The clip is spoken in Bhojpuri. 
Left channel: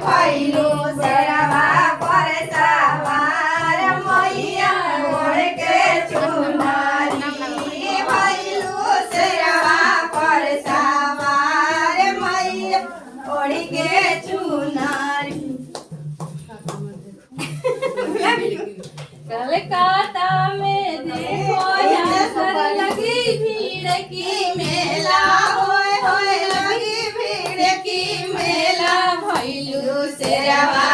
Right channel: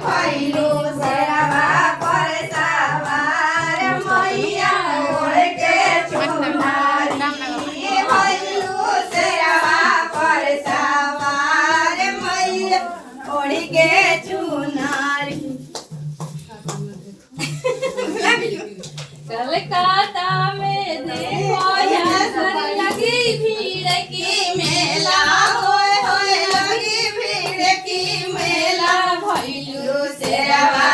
भइलु शेरवा पर सवार मैया ओढ़ के चुनरी भइलु शेरवा पर सवार मैया ओढ़ के चुनरी। कलकत्ता में देखो नजर लगी भीड़ की मेला होए होए लगी भीड़ की मेला भइलु शेरवा